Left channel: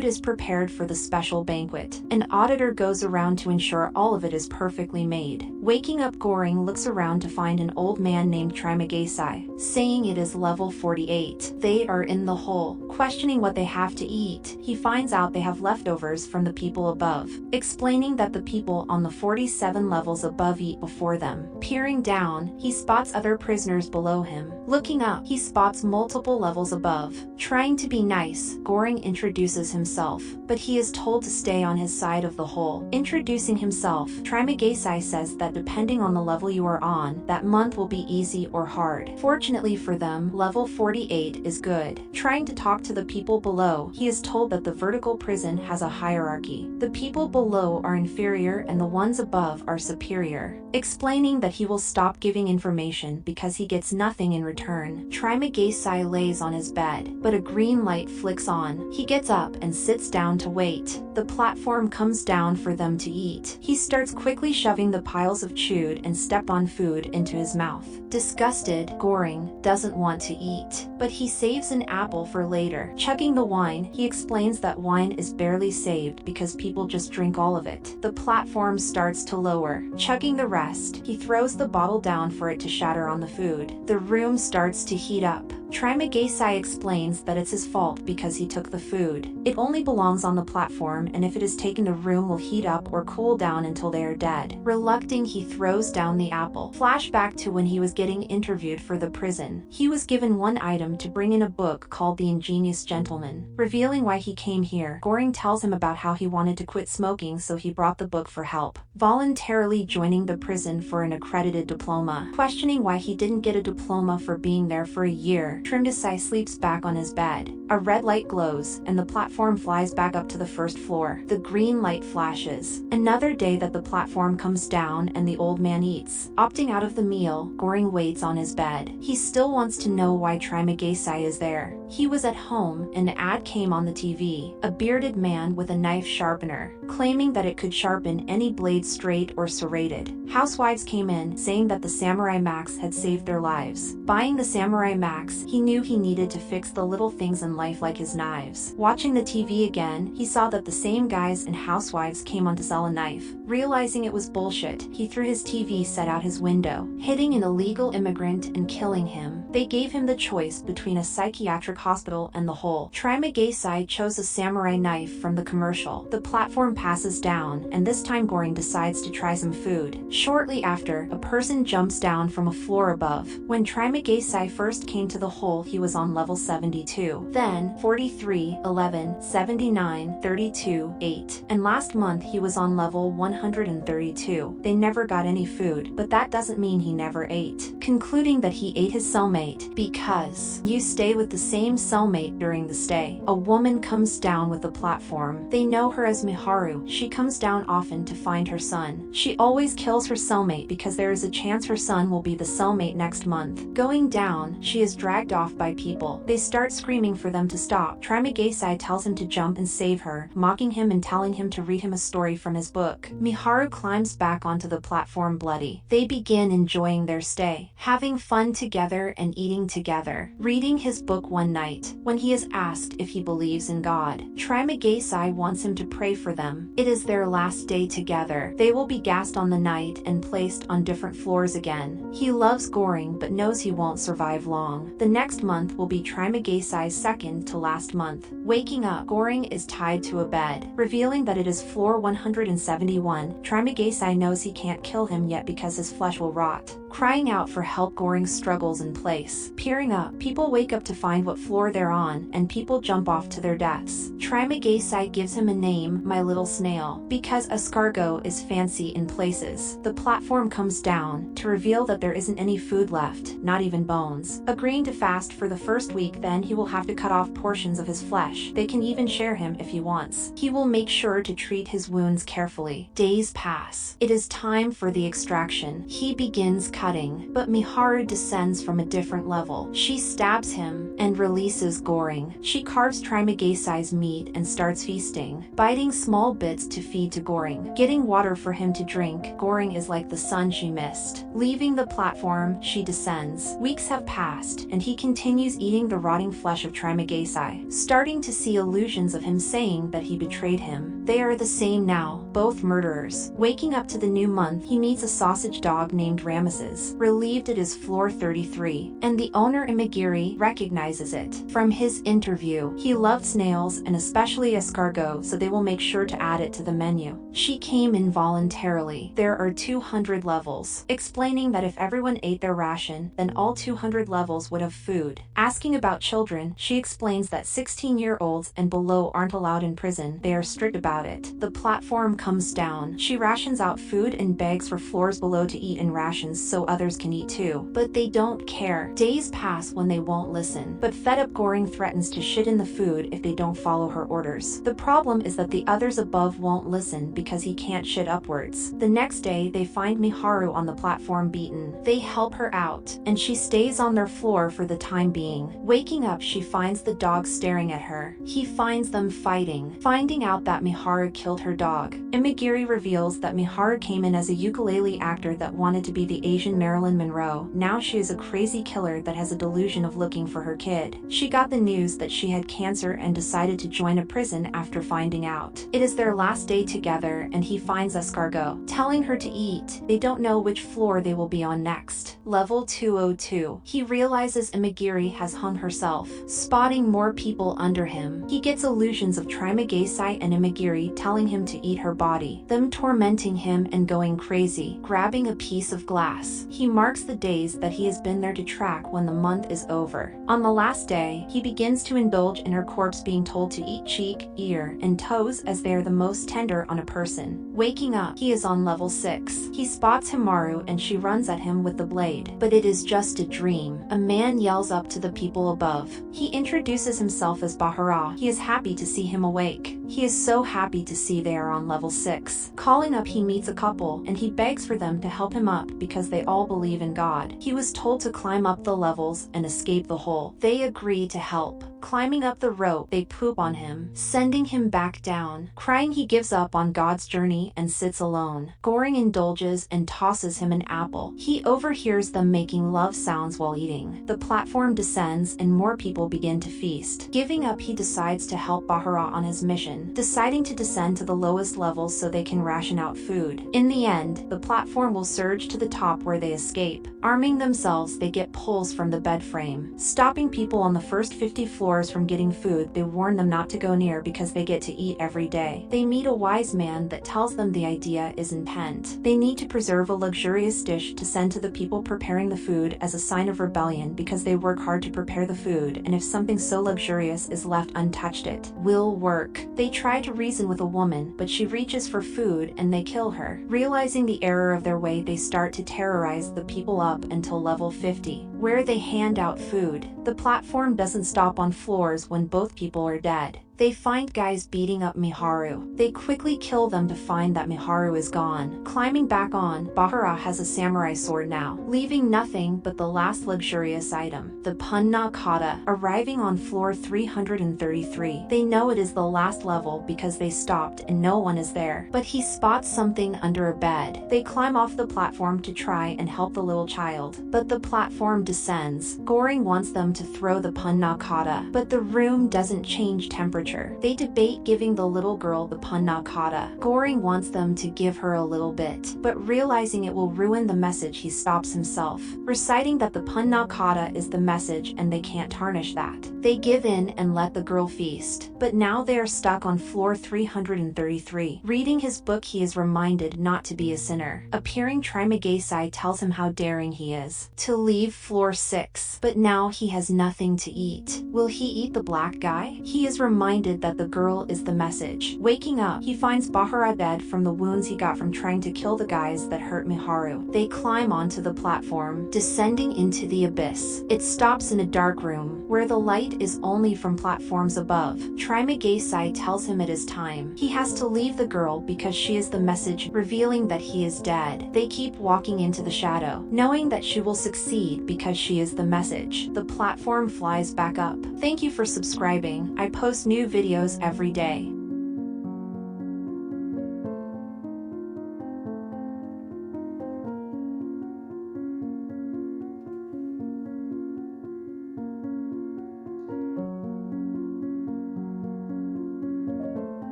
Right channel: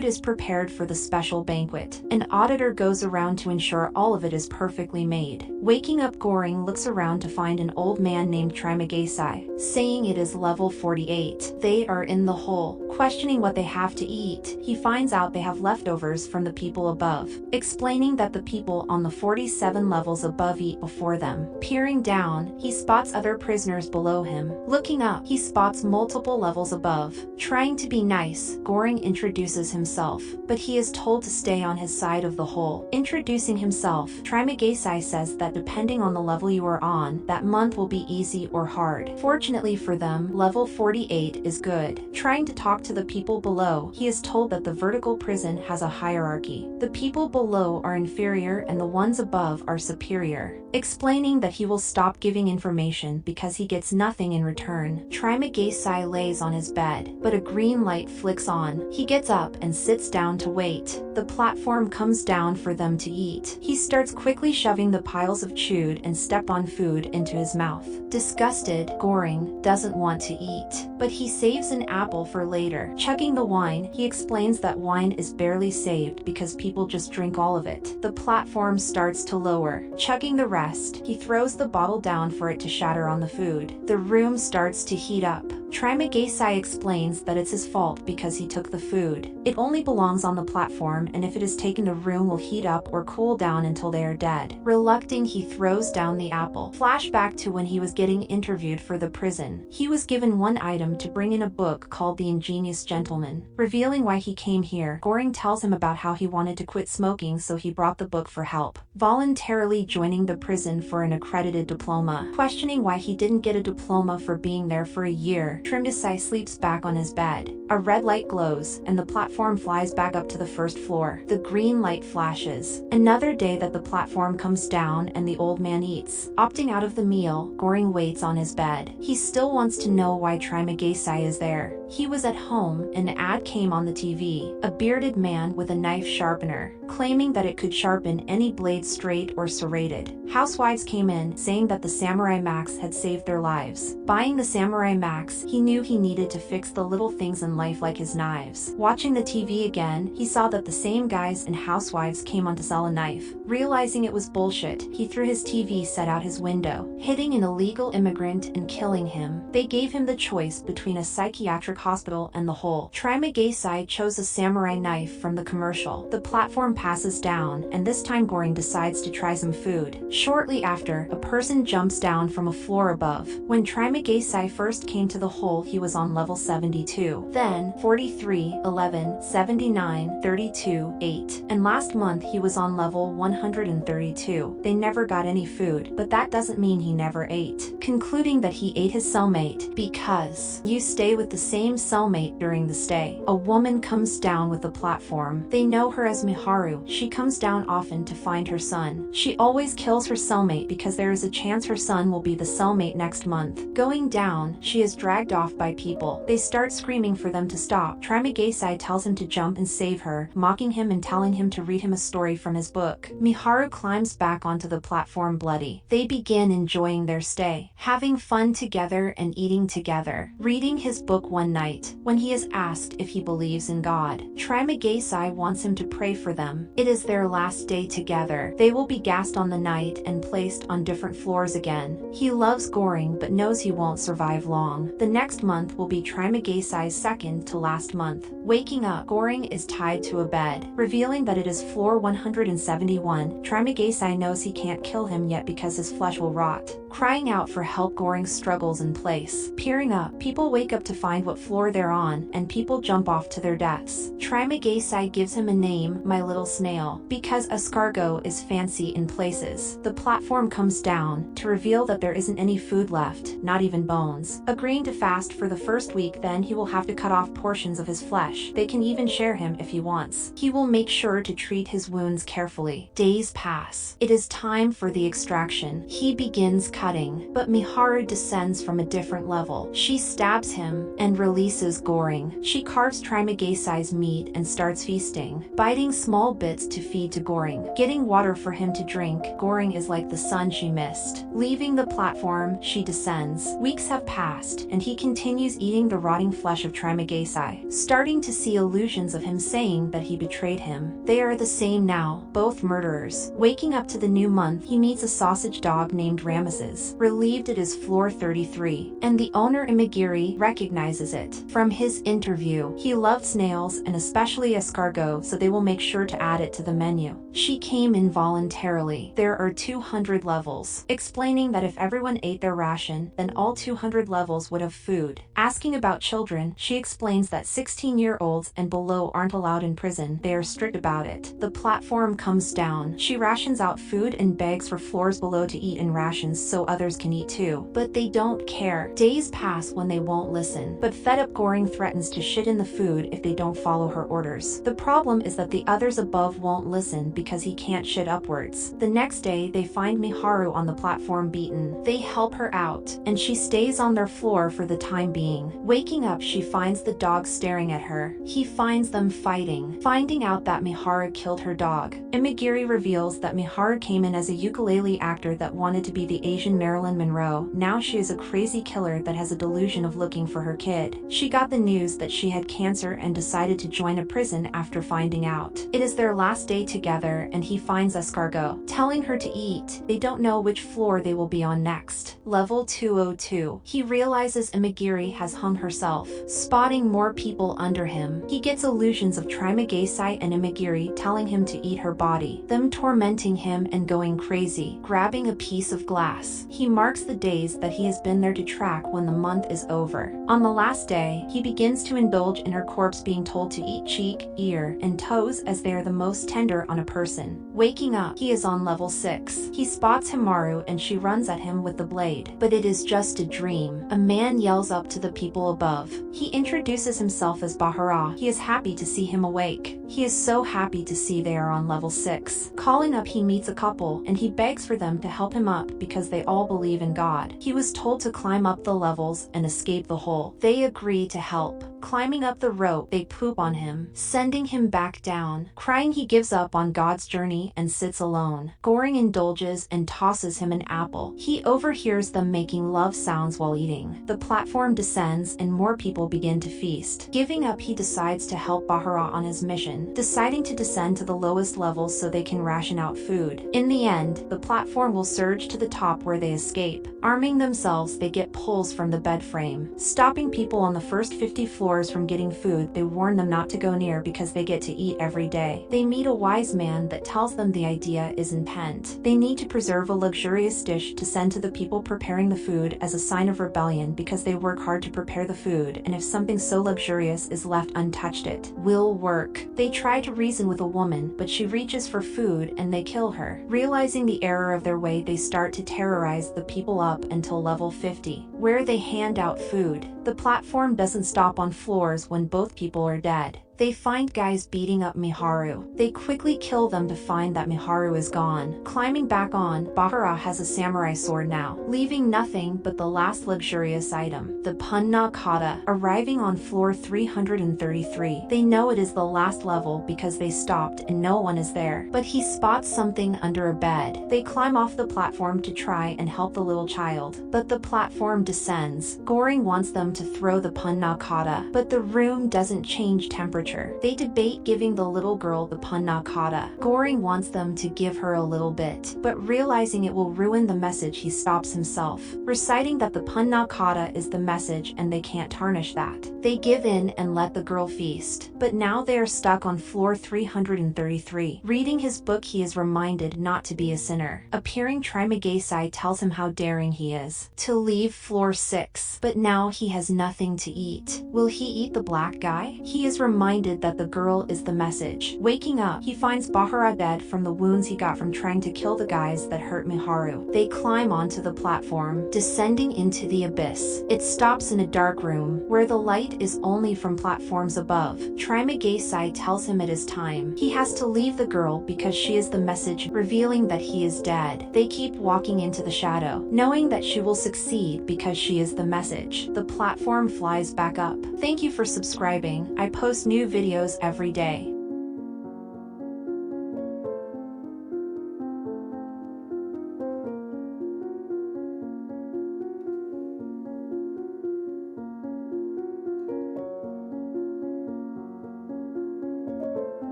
Food is prepared for the special banquet. An auditor goes around to ensure all of it is perfectly made. Waking up, Goring looks around to find an old man named Trimagesi, saying it is level 48. They are in the hole. Questioning what they have to eat, he finds out they have leftovers from the people above, explaining that the people on the 47 levels above eat before them. Peering down, he spots other prisoners below him. Looking up, he spots multiple levels above. Trying to be nice, Goring introduces himself, but he is told to stay on his side of the hole. Introducing himself, Trimagesi says that depending on the level you are on, that month will be easy or hard. Fortunately for them, level 48 is good. Trying to talk to the people below, he is told that the vertical prison has a hierarchy. The people below are inferior and the ones above are superior. Explaining that he will stop giving information because he gets nothing in return, Trimagesi lays on his bed, but a green light flicks on. He gets up and sits down to wait. The platform comes down for them to eat. He starts quickly shoving the piles of chewed and stepped-on food into his mouth. Disgusted, Goring doesn't want to eat, but he saves an apple for later. Chugging the wine, he explains that wine is barely saved because people just drink all of it. The platform starts to lower. Chugging the rest, he throws the bottle down for it to shatter on the food. The room starts to heat up. Trimagesi explains that it's his fault because he took the food. It only belongs on the platform, and if it is taken, the room will heat up or cool down until they are dead. Reluctant, he throws down the apple. Flashback to when he was getting interviewed for the prison. He was given one item to bring in a book called The Ingenious Gentleman. Revealing why he came here, Goring tells him about how he wanted to quit smoking, so he brought the book for help. Voluntarily joining the prison for an accredited diploma. Questioning why he didn't get a diploma for being there for a year, Trimagesi sleeps back on his bed. A red light glows, and the platform flies back up to the first floor. The green light flashes. Another day that the platform comes down and the old man eats. Opting out of the meal, Goring waits on his bed. He still wants to know why Trimagesi is there. He was at home, an ad came on the TV. A bearded man with a knife sharpener, claiming that it could sharpen any blade straight or serrated. Housewives came in, saying that the Samurai Max had saved their lives. Buying the Samurai Max, he knew he needed to fix the little things in life like his knives. Watching the TV again, he saw that the same guys and housewives came on to sell a knife. Realizing it was bullshit, he threw his TV set out his window, hitting an illegal immigrant and killing him. They gave him the choice between a psychiatric hospital and the hole. Trimagesi chose a samurai knife from the commercial. The platform passes down, and this time Goring decides to try some food. Shortly after, a person jumps down from a floor above. When Trimagesi first came to the hole, he was on level 72. Then 43, 11, 79, 32, 8. And last month he was on level 132. They never got any food, but that doesn't mean he never ate. Concluding that he ate his cellmate because you stay with the same cellmate during the stay. A woman comes down with the platform. They know her as Miharu. She comes down often to find her son. She always kills her cellmate because there is a chance her son will be the cellmate next month. Going down, she is dragged off by people. They start screaming for them to stop. Trimagesi tells him to jump and save her, mocking him and telling him to read him a story from his book. Miharu climbs back onto the platform bloody. They begin enjoying their stay, having fun together and eating together. Reading his book one night, when he is asked if he believes in God, Trimagesi wants him to pray for them. It is their last day together. They will be gassed on the night and placed on different floors again. He loves Goring but knows he won't survive long. The next month will be Trimagesi's second to last month. Waking up, Goring is tied to a bed. Revealing that it is floor 171, Trimagesi knows he can't kill him yet because his flesh will rot. Crying out for help, Goring struggles in place. Peering up, people wake up to find what floor they're on, and people jump off to their deaths. Trimagesi gives him a name, My Little Snail, because escargot is fancy in places. The platform comes down to reveal that there isn't any food left, not even bones. Agreeing to fast for the first week, then he will have to cut off portions of his flesh. They can even share him if he wants. He will make sure to treat his wounds carefully. Days pass. It is time for the extraction. He begins cutting, but Miharu descends from a different level. She stabs him and releases Goring. She carves Trimagesi's meat and starts feasting, biting small bits to feed to Goring. Getting water for him to drink, Goring is like the sun she missed. Leaving the platform, she descends. Weeks have passed, and he continues eating the rotting flesh of Trimagesi. Starting starting to see illusions of him saying that he betrayed him. They are the same now, both murderers. Waking up to the new month, he meets a sausage dog named Ramesses. Relieved it is floor 33, and the owner Imagiri recognizes it. From his interview, he loved snails and especially escargot, so they will make sure to add it to the menu. She came in voluntarily. There are 200 levels, explaining that if everyone ate their ration, then all 200 levels would have food. Asking about children, she explains that 16-year-olds and below aren't allowed in prison. They are strict about it. The platform comes down. She rations out food and begs for floors below to eat in rations so others can eat too. But they don't care. Days pass when they won't listen. But fed up Goring threatens to shit in the food if they don't follow her orders. The problem is that the others above won't listen because he can't shit upwards. The next day, they find Miharu on the platform beaten. They help her out, and she stays on their floor for the time being. Waking up, she finds the dog staring at her. He finds them fighting, finding out that Miharu killed her dog. Imagiri reveals that Miharu came in as a ukulele actor that wanted to be the Asian Marilyn Monroe. Now she is a crazy killer that has a delusion of looking for her kid. She got the news that she had cancer and decided to join a prison after finding out. It is their last day together, and he finds escargot, telling her to eat. They don't know which floor they will be on next. Level 202. He realizes Imagiri has hung herself, spotting more people under him. He gets illusions of Trimagesi and Imagiri telling him to eat her body, them tormenting him and going crazy, grabbing a piece of glass. He marks the days that he has been there to track when the month is over. On the last day, he begins to indulge in her corpse being told to eat cheek, ear, and toes as they are the most tender on a person. Waking up, he is on level 6. He spots Himaru and she runs at him with the blade, but it is just a dream. A man yells up to the people above. He introduces himself as Bahara. He is happy to see him awake. He is so happy to see they are on level 6. Calling up, he meets a couple and he begs for them to help him up because they all believe in God. He was told to climb up the levels and escape the hole. They agree to help. Climbing up the rope, they poop on him, sending him back down. Crying, he gives up on God's journey and sits alone. Goring indulges and tosses him an apple. He overhears them making love sounds while eating. The platform descends and more people begin to feast. Giving up, he decides to help Bahara on his mission, deciding to descend to the lowest levels so they can ration out food. In the end, the platform will surge to the top where they escape. Arming themselves, they get pulls from the bed frame. Stopping people on the first 50 floors from getting food, they warn them not to go near because they get to eat every day. They meet a wise man that tells them the idea is intent. They need to preserve a luxurious dish to send to the people preparing the food as a sign of rebellion because they work hard to prepare the food, and if something so luxurious is left untouched, it will work. They try to reason with a woman, but she reaches for food and they kill her. Realizing the error of their way, they start to terrorize the people up until level 50, where they hand out food. The platform doesn't stop on floors when both people are dead. They find guys beating up Miharu. They quickly kill them to find that Miharu is gone. Climbing back on, Bahara has a samurai sword now, leaving nothing but the last luxurious item, the Punna Kata, arriving on floor 333. They know it is the last level because they stopped and no one is there, but he spots something under a bed. They climb off the platform to try and help the little child, but the platform descends. Goring wants them to throw the Punna Kata, but the room doesn't change temperature. They debate giving the little girl the Punna Kata. Goring wants them to give her a little bit, but realizing it will ruin the message, he stops himself, reciting that the Punna Kata is the message and they can't tarnish that. They give in and let the girl feast, but now they are stuck on floor 333. Reading his book, he is reminded not to be a sinner. Appearing Trimagesi tells him how daring he is to leave floor 6, but now he has nothing to eat. Will he eat the black guy? He is reminded that the girl is the message. Waking up, he finds Bahara dead from the wounds he got from trying to kill the guys that hurt Miharu. They climb onto the platform, descending into the abyss. It stops in a dark room, where the light is only from platforms above. Trimagesi tells him it is time. He has to leave the girl because she is the message, revealing that he is dead. They keep walking into the shadow, knowing that she will succeed because she is the message. The platform flies back up. Thank you for subscribing. I post new videos every day.